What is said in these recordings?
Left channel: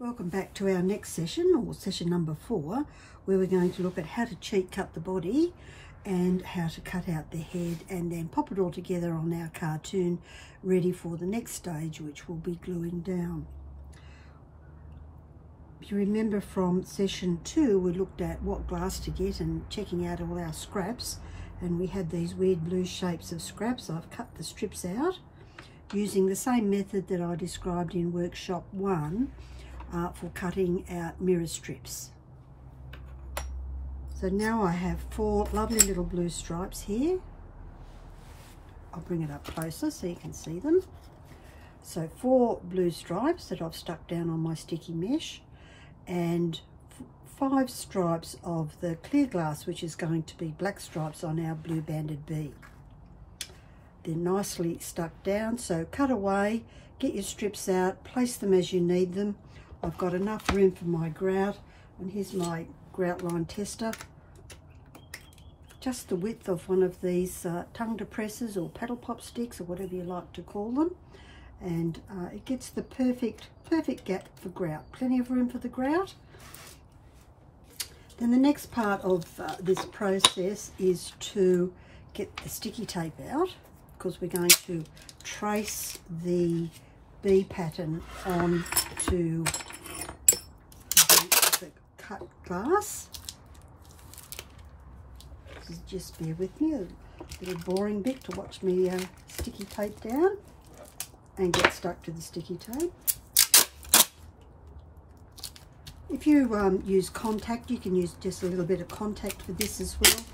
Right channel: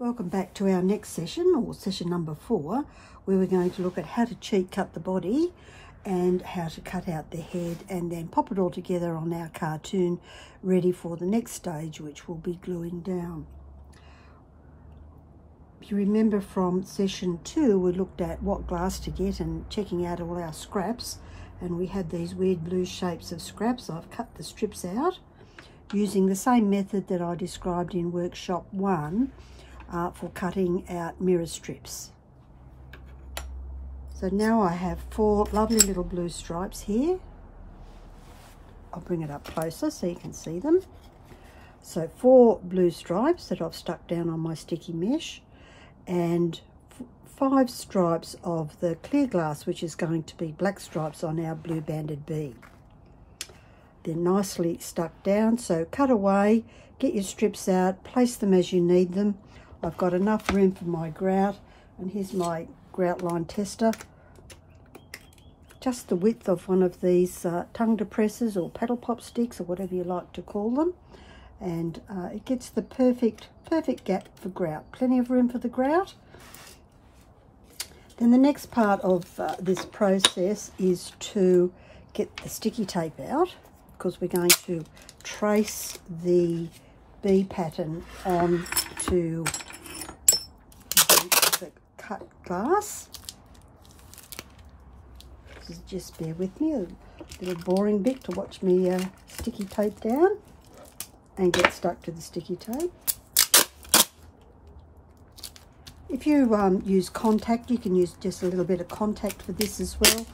Welcome back to our next session, or session number 4, where we're going to look at how to cheat cut the body and how to cut out the head and then pop it all together on our cartoon, ready for the next stage, which will be gluing down. If you remember from session 2, we looked at what glass to get and checking out all our scraps, and we had these weird blue shapes of scraps. I've cut the strips out using the same method that I described in workshop 1 for cutting out mirror strips. So now I have 4 lovely little blue stripes here. I'll bring it up closer so you can see them. So 4 blue stripes that I've stuck down on my sticky mesh, and 5 stripes of the clear glass, which is going to be black stripes on our blue banded bee. They're nicely stuck down, so cut away, get your strips out, place them as you need them. I've got enough room for my grout, and here's my grout line tester. Just the width of one of these tongue depressors or paddle pop sticks, or whatever you like to call them, and it gets the perfect gap for grout. Plenty of room for the grout. Then the next part of this process is to get the sticky tape out, because we're going to trace the bee pattern onto the cut glass. Just bear with me, a little boring bit to watch me sticky tape down and get stuck to the sticky tape. If you use contact, you can use just a little bit of contact for this as well.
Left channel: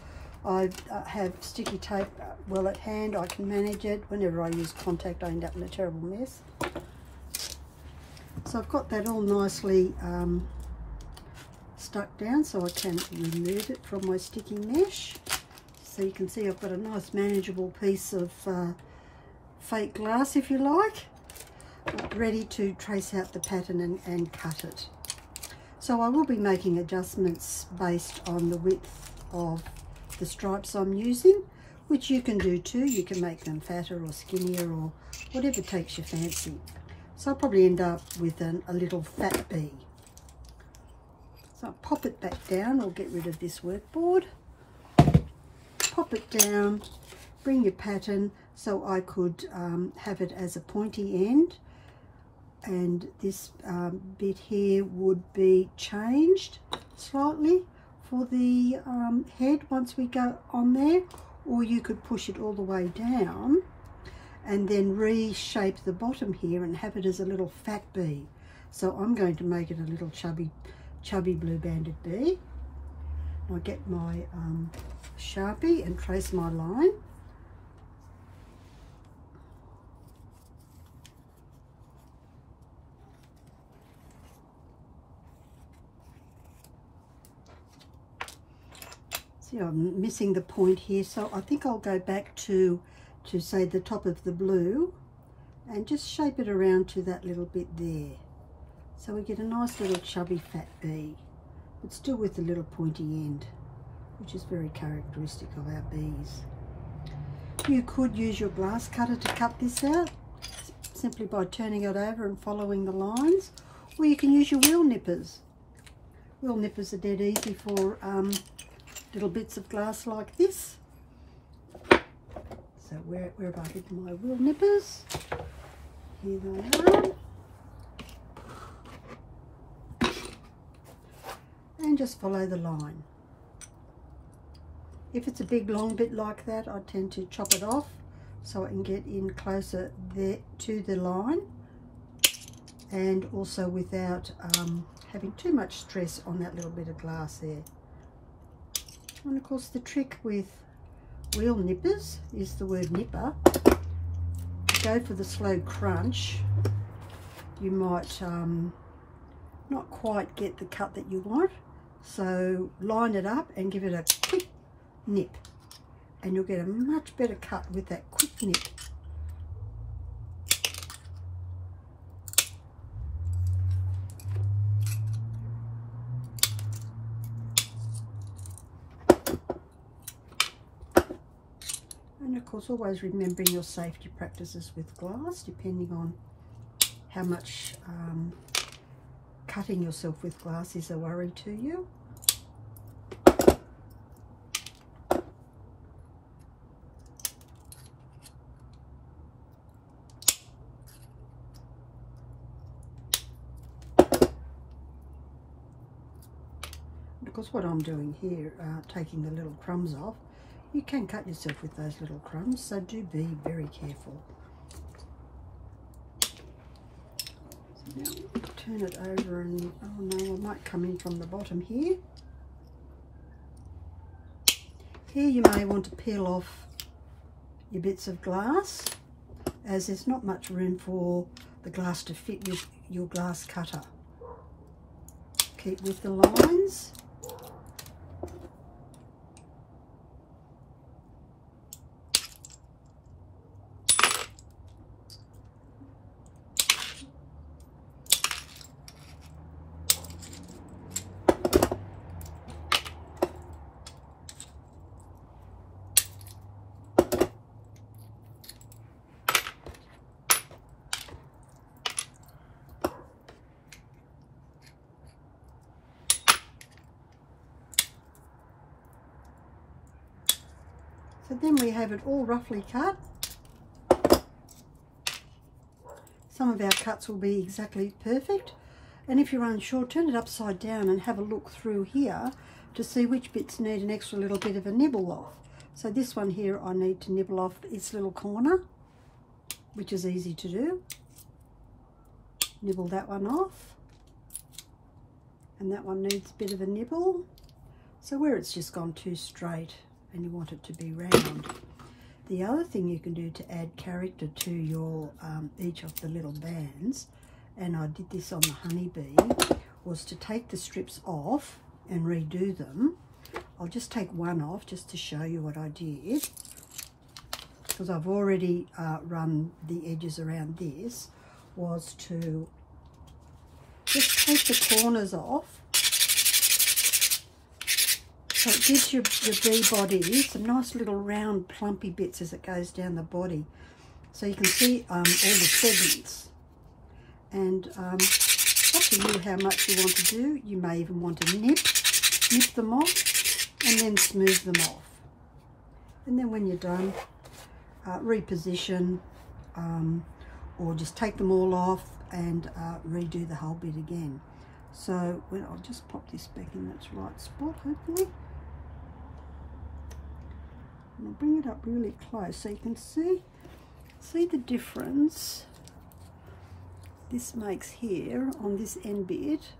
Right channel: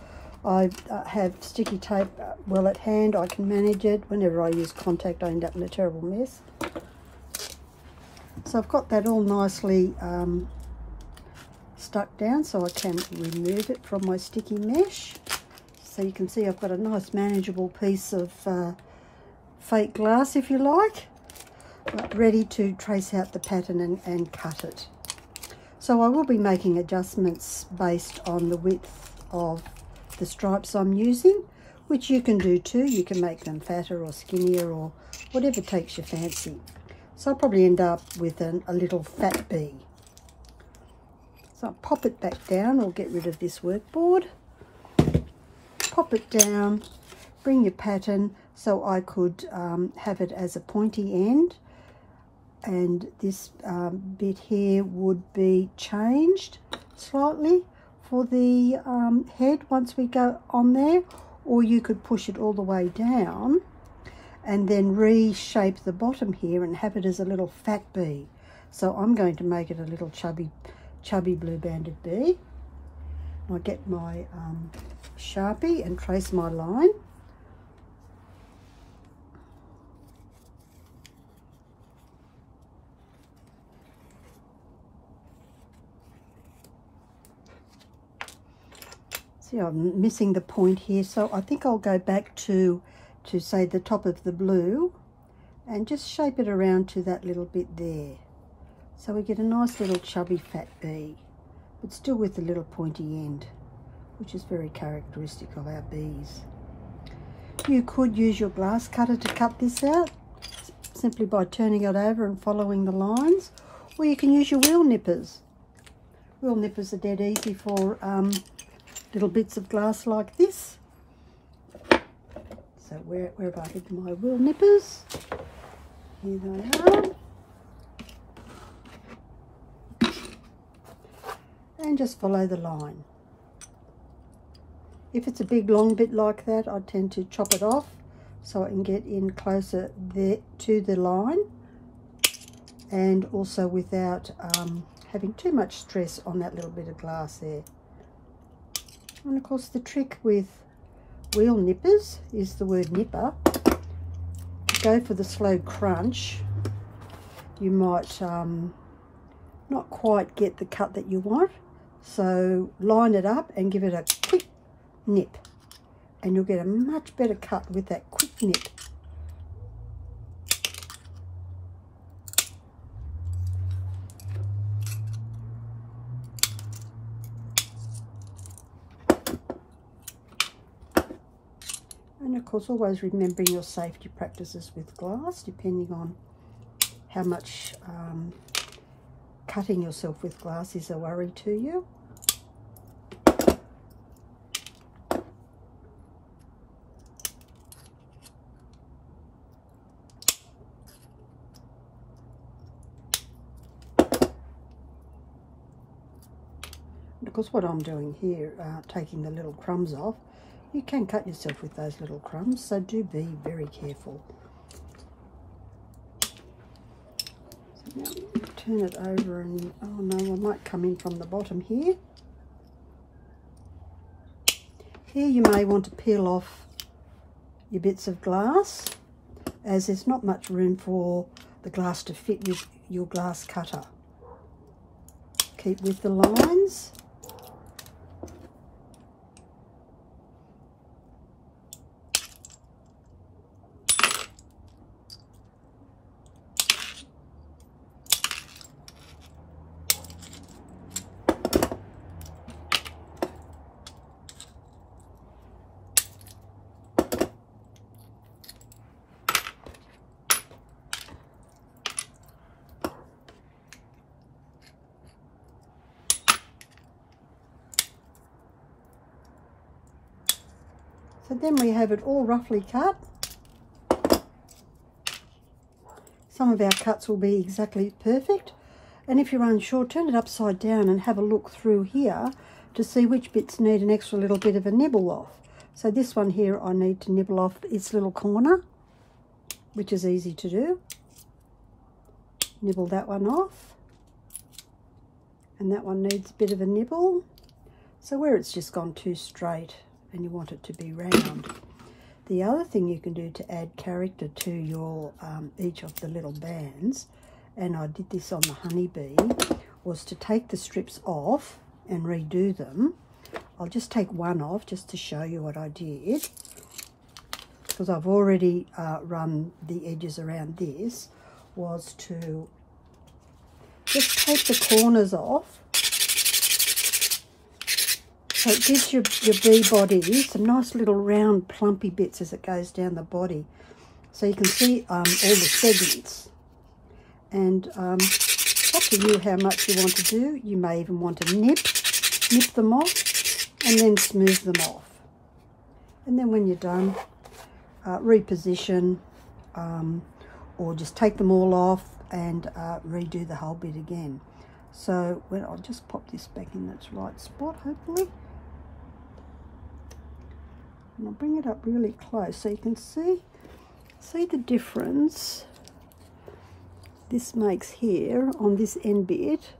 I have sticky tape well at hand. I can manage it. Whenever I use contact, I end up in a terrible mess. So I've got that all nicely stuck down, so I can remove it from my sticky mesh. So you can see I've got a nice manageable piece of fake glass, if you like, ready to trace out the pattern and cut it. So I will be making adjustments based on the width of the stripes I'm using, which you can do too. You can make them fatter or skinnier or whatever takes your fancy. So I'll probably end up with a little fat bee. So I'll pop it back down, or get rid of this workboard. Pop it down, bring your pattern, so I could have it as a pointy end, and this bit here would be changed slightly for the head once we go on there, or you could push it all the way down and then reshape the bottom here and have it as a little fat bee. So I'm going to make it a little chubby blue banded bee. I'll get my Sharpie and trace my line. See, I'm missing the point here, so I think I'll go back to say the top of the blue and just shape it around to that little bit there. So we get a nice little chubby fat bee, but still with a little pointy end, which is very characteristic of our bees. You could use your glass cutter to cut this out, simply by turning it over and following the lines, or you can use your wheel nippers. Wheel nippers are dead easy for little bits of glass like this. So where have I hidden my wheel nippers? Here they are. And just follow the line. If it's a big long bit like that, I tend to chop it off so I can get in closer there to the line, and also without having too much stress on that little bit of glass there. And of course the trick with wheel nippers is the word nipper. Go for the slow crunch. You might not quite get the cut that you want, so line it up and give it a quick nip, and you'll get a much better cut with that quick nip. And of course, always remembering your safety practices with glass, depending on how much cutting yourself with glass is a worry to you. Because what I'm doing here, taking the little crumbs off, you can cut yourself with those little crumbs, so do be very careful. So now turn it over and, oh no, I might come in from the bottom here. Here you may want to peel off your bits of glass, as there's not much room for the glass to fit your glass cutter. Keep with the lines. So then we have it all roughly cut. Some of our cuts will be exactly perfect. And if you're unsure, turn it upside down and have a look through here to see which bits need an extra little bit of a nibble off. So this one here, I need to nibble off its little corner, which is easy to do. Nibble that one off. And that one needs a bit of a nibble. So where it's just gone too straight, and you want it to be round. The other thing you can do to add character to your each of the little bands, and I did this on the honeybee, was to take the strips off and redo them. I'll just take one off just to show you what I did, because I've already run the edges around this, was to just take the corners off. So it gives your bee body some nice little round plumpy bits as it goes down the body. So you can see all the segments. And it's up to you how much you want to do. You may even want to nip them off and then smooth them off. And then when you're done, reposition or just take them all off and redo the whole bit again. So I'll just pop this back in its right spot, hopefully. And I'll bring it up really close so you can see the difference this makes here on this end bit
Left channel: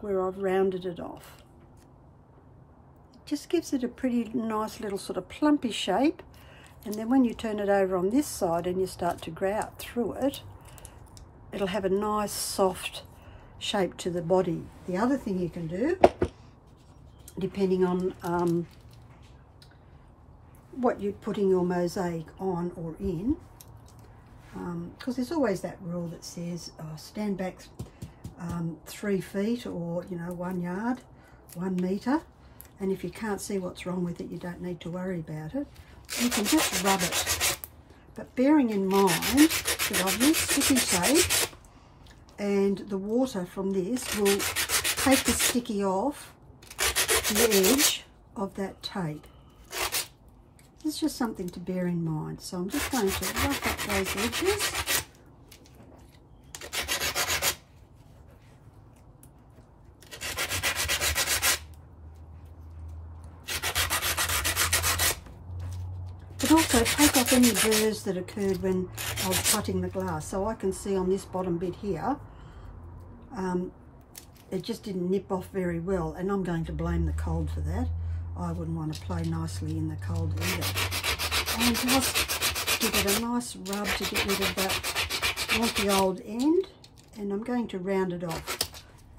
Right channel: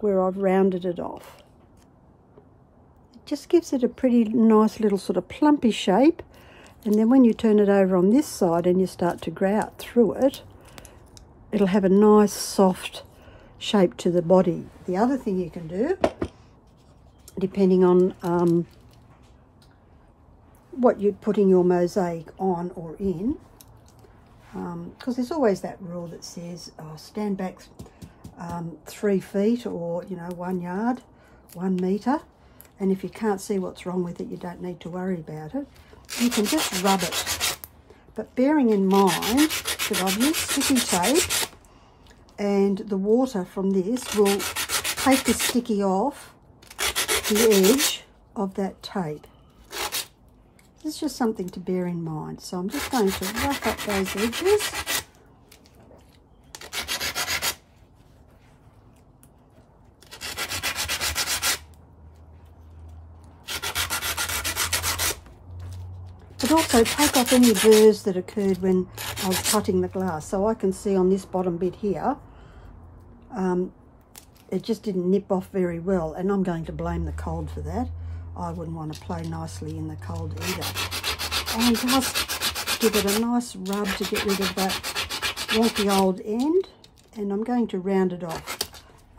where I've rounded it off. It just gives it a pretty nice little sort of plumpy shape, and then when you turn it over on this side and you start to grout through it, it'll have a nice soft shape to the body. The other thing you can do, depending on what you're putting your mosaic on or in, because there's always that rule that says stand back 3 feet, or 1 yard, 1 meter, and if you can't see what's wrong with it, you don't need to worry about it. You can just rub it, but bearing in mind that I've used sticky tape, and the water from this will take the sticky off the edge of that tape. This is just something to bear in mind. So I'm just going to rough up those edges. But also take off any burrs that occurred when I was cutting the glass. So I can see on this bottom bit here, it just didn't nip off very well, and I'm going to blame the cold for that. I wouldn't want to play nicely in the cold either. And just give it a nice rub to get rid of that wonky old end, and I'm going to round it off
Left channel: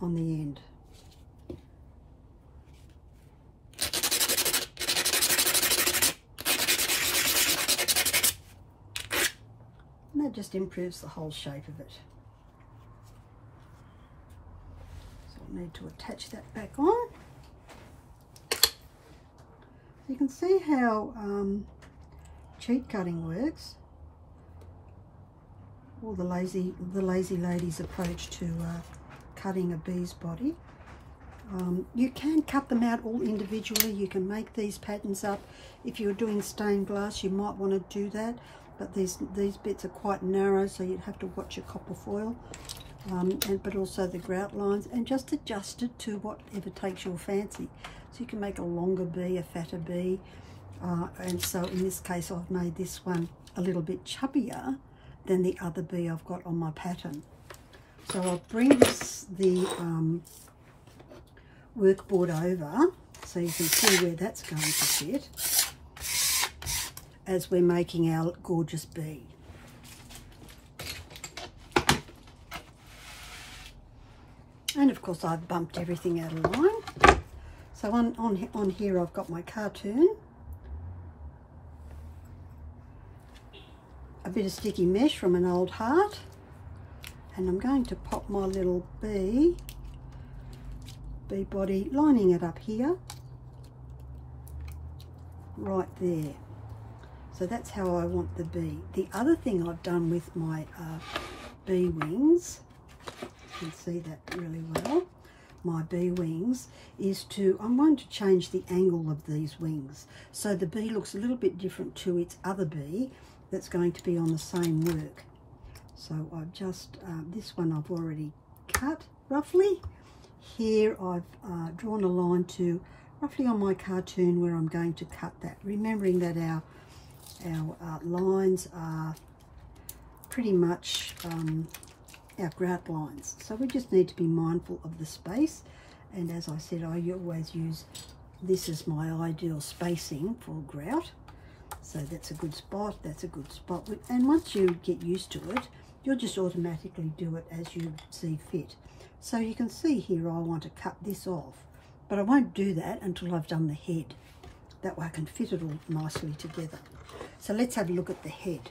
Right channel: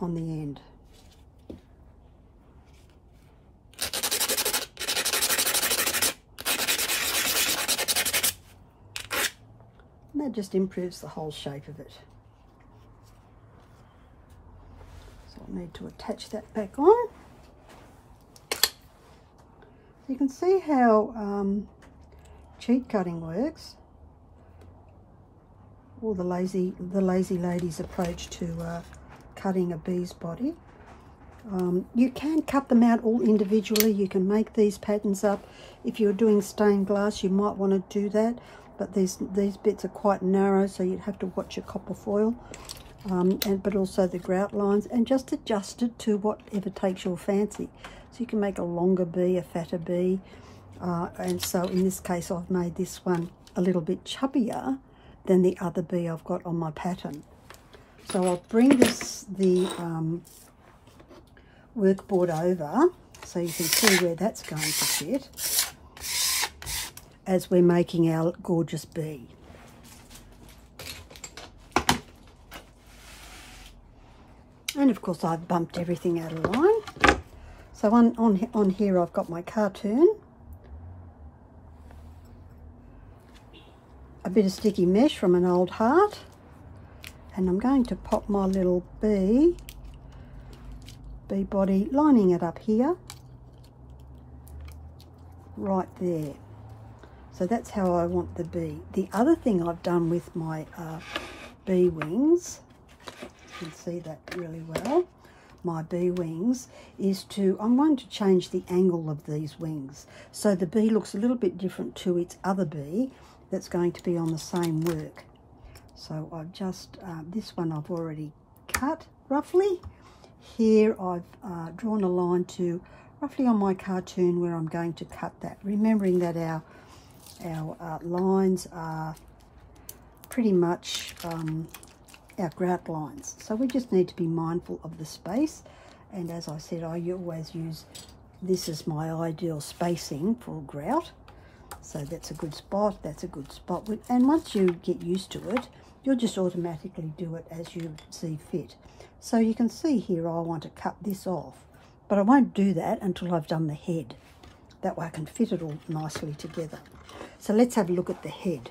on the end. And that just improves the whole shape of it. So I'll need to attach that back on. You can see how cheat cutting works, or the lazy lady's approach to cutting a bee's body. You can cut them out all individually. You can make these patterns up. If you're doing stained glass, you might want to do that, but these bits are quite narrow, so you'd have to watch your copper foil, but also the grout lines, and just adjust it to whatever takes your fancy. So you can make a longer bee, a fatter bee, and so in this case I've made this one a little bit chubbier than the other bee I've got on my pattern. So I'll bring the workboard over so you can see where that's going to fit as we're making our gorgeous bee. And of course I've bumped everything out of line. So on here I've got my cartoon, a bit of sticky mesh from an old heart, and I'm going to pop my little bee body, lining it up here, right there. So that's how I want the bee. The other thing I've done with my bee wings, you can see that really well, my bee wings, is I'm going to change the angle of these wings so the bee looks a little bit different to its other bee that's going to be on the same work. So I've just, this one I've already cut roughly. Here I've drawn a line to roughly on my cartoon where I'm going to cut that, remembering that our lines are pretty much our grout lines. So we just need to be mindful of the space, and as I said, I always use this as my ideal spacing for grout. So that's a good spot, that's a good spot, and once you get used to it, you'll just automatically do it as you see fit. So you can see here I want to cut this off, but I won't do that until I've done the head. That way I can fit it all nicely together. So let's have a look at the head.